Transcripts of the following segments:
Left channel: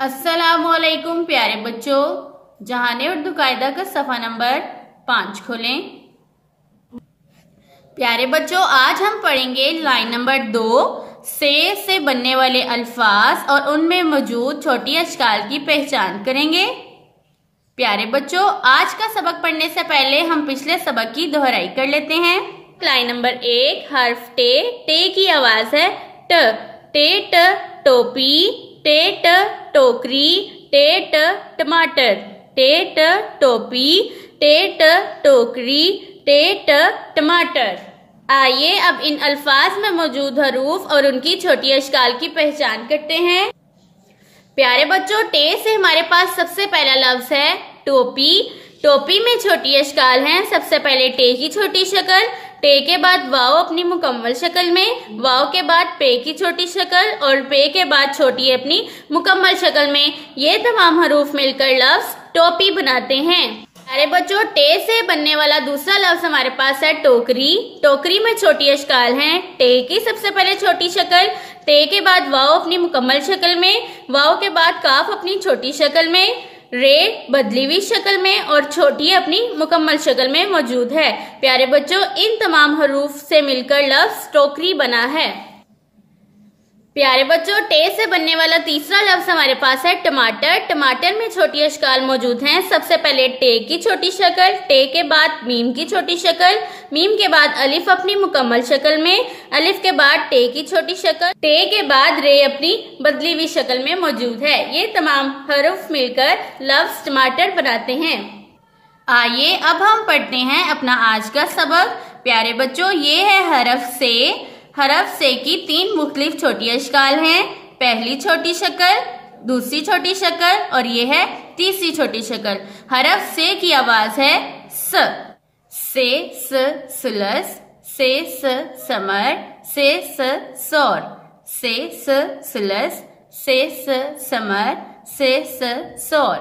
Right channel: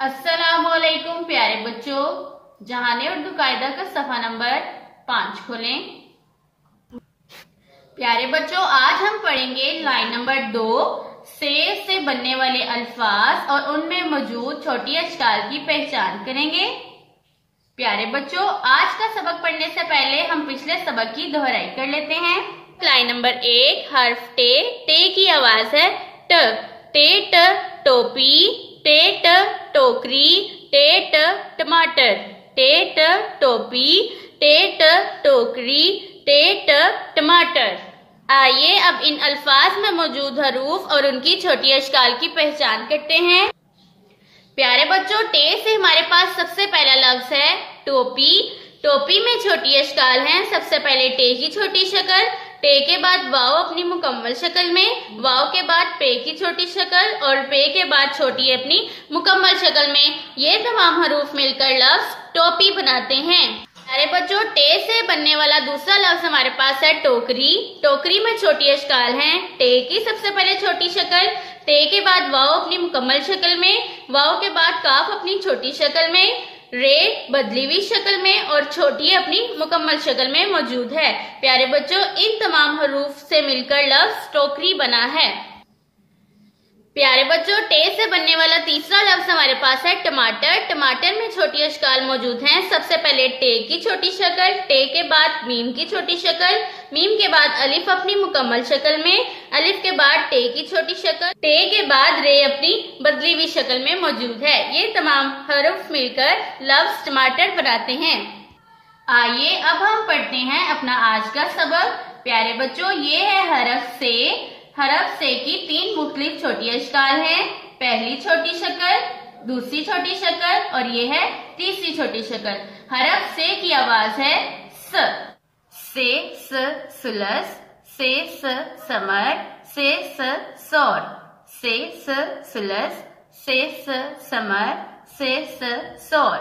अस्सलामुअलैकुम प्यारे बच्चों, जहाने उर्दू कायदा का सफा नंबर 5 खोलें। प्यारे बच्चों, आज हम पढ़ेंगे लाइन नंबर 2 से बनने वाले अल्फाज और उनमें मौजूद छोटी अशकाल की पहचान करेंगे। प्यारे बच्चों, आज का सबक पढ़ने से पहले हम पिछले सबक की दोहराई कर लेते हैं। लाइन नंबर 1 हर्फ टे की आवाज है ट। टे ट टोपी, टे ट टोकरी, टे ट टमाटर, टे ट टोपी, टे ट टोकरी, टे ट टमाटर। आइए अब इन अल्फाज में मौजूद हरूफ और उनकी छोटी अशकाल की पहचान करते हैं। प्यारे बच्चों, टे से हमारे पास सबसे पहला लफ्ज है टोपी। टोपी में छोटी अशकाल हैं। सबसे पहले टे की छोटी शक्ल, टे के बाद वाव अपनी मुकम्मल शक्ल में, वाव के बाद पे की छोटी शक्ल और पे के बाद छोटी अपनी मुकम्मल शक्ल में। ये तमाम हरूफ मिलकर लफ्ज टोपी बनाते हैं। प्यारे बच्चों, टे से बनने वाला दूसरा लफ्ज हमारे पास है टोकरी। टोकरी में छोटी अशकाल हैं। टे की सबसे पहले छोटी शक्ल, टे के बाद वाव अपनी मुकम्मल शक्ल में, वाव के बाद काफ अपनी छोटी शक्ल में, रे बदली हुई शक्ल में और छोटी अपनी मुकम्मल शक्ल में मौजूद है। प्यारे बच्चों, इन तमाम हरूफ से मिलकर लफ्ज टोकरी बना है। प्यारे बच्चों, टे से बनने वाला तीसरा लफ्ज हमारे पास है टमाटर। टमाटर में छोटी अशकाल मौजूद हैं। सबसे पहले टे की छोटी शक्ल, टे के बाद मीम की छोटी शक्ल, मीम के बाद अलिफ अपनी मुकम्मल शक्ल में, अलिफ के बाद टे की छोटी शक्ल, टे के बाद रे अपनी बदली हुई शक्ल में मौजूद है। ये तमाम हरूफ मिलकर लफ्ज टमाटर बनाते हैं। आइए अब हम पढ़ते हैं अपना आज का सबक। प्यारे बच्चों, ये है हरफ से। हरफ से की 3 मुख्तलिफ छोटी अशकाल हैं। पहली छोटी शक्ल, दूसरी छोटी शक्ल और ये है तीसरी छोटी शक्ल। हरफ से की आवाज है स। से सुलस, से समर, से सौर, से सुलस, से समर, से सौर।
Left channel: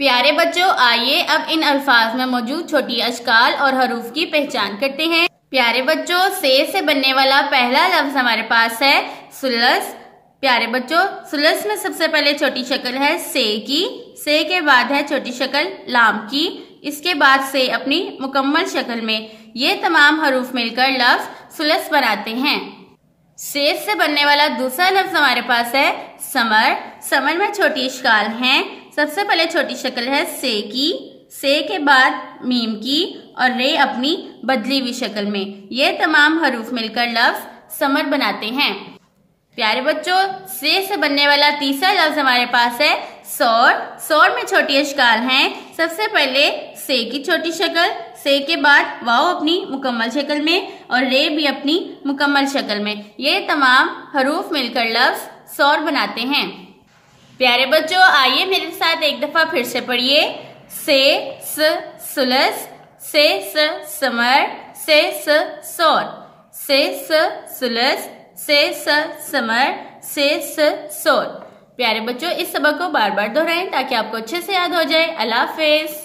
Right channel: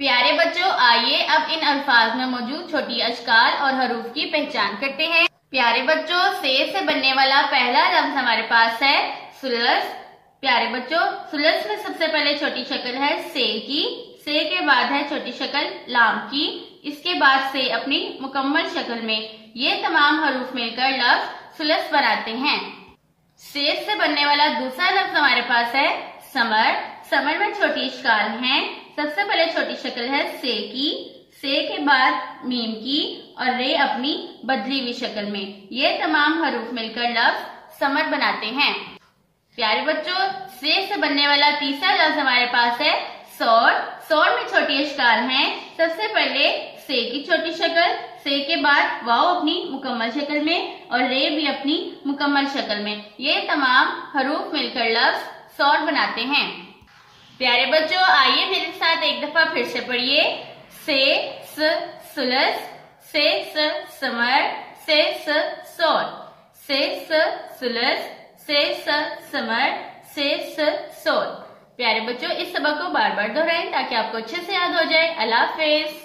प्यारे बच्चों, आइए अब इन अल्फाज में मौजूद छोटी अशकाल और हरूफ की पहचान करते हैं। प्यारे बच्चों, से बनने वाला पहला लफ्ज हमारे पास है सुलस। प्यारे बच्चों, सुलस में सबसे पहले छोटी शक्ल है से की, से के बाद है छोटी शक्ल लाम की, इसके बाद से अपनी मुकम्मल शक्ल में। ये तमाम हरूफ मिलकर लफ्ज सुलस बनाते हैं। से बनने वाला दूसरा लफ्ज हमारे पास है समर। समर में छोटी अशकाल हैं। सबसे पहले छोटी शक्ल है से की, से के बाद मीम की और रे अपनी बदली हुई शक्ल में। ये तमाम हरूफ मिलकर लफ्ज समर बनाते हैं। प्यारे बच्चों, से बनने वाला तीसरा लफ्ज हमारे पास है सौर। सौर में छोटी अशकाल हैं। सबसे पहले से की छोटी शक्ल, से के बाद वाव अपनी मुकम्मल शक्ल में और रे भी अपनी मुकम्मल शक्ल में। ये तमाम हरूफ मिलकर लफ्ज सौर बनाते हैं। प्यारे बच्चों, आइए मेरे साथ एक दफा फिर से पढ़िए। से सुलस, से समर, से सौर, से सुलस, से समर, से सौर। प्यारे बच्चों, इस सबक को बार बार दोहराएं ताकि आपको अच्छे से याद हो जाए। अल्लाह हाफिज।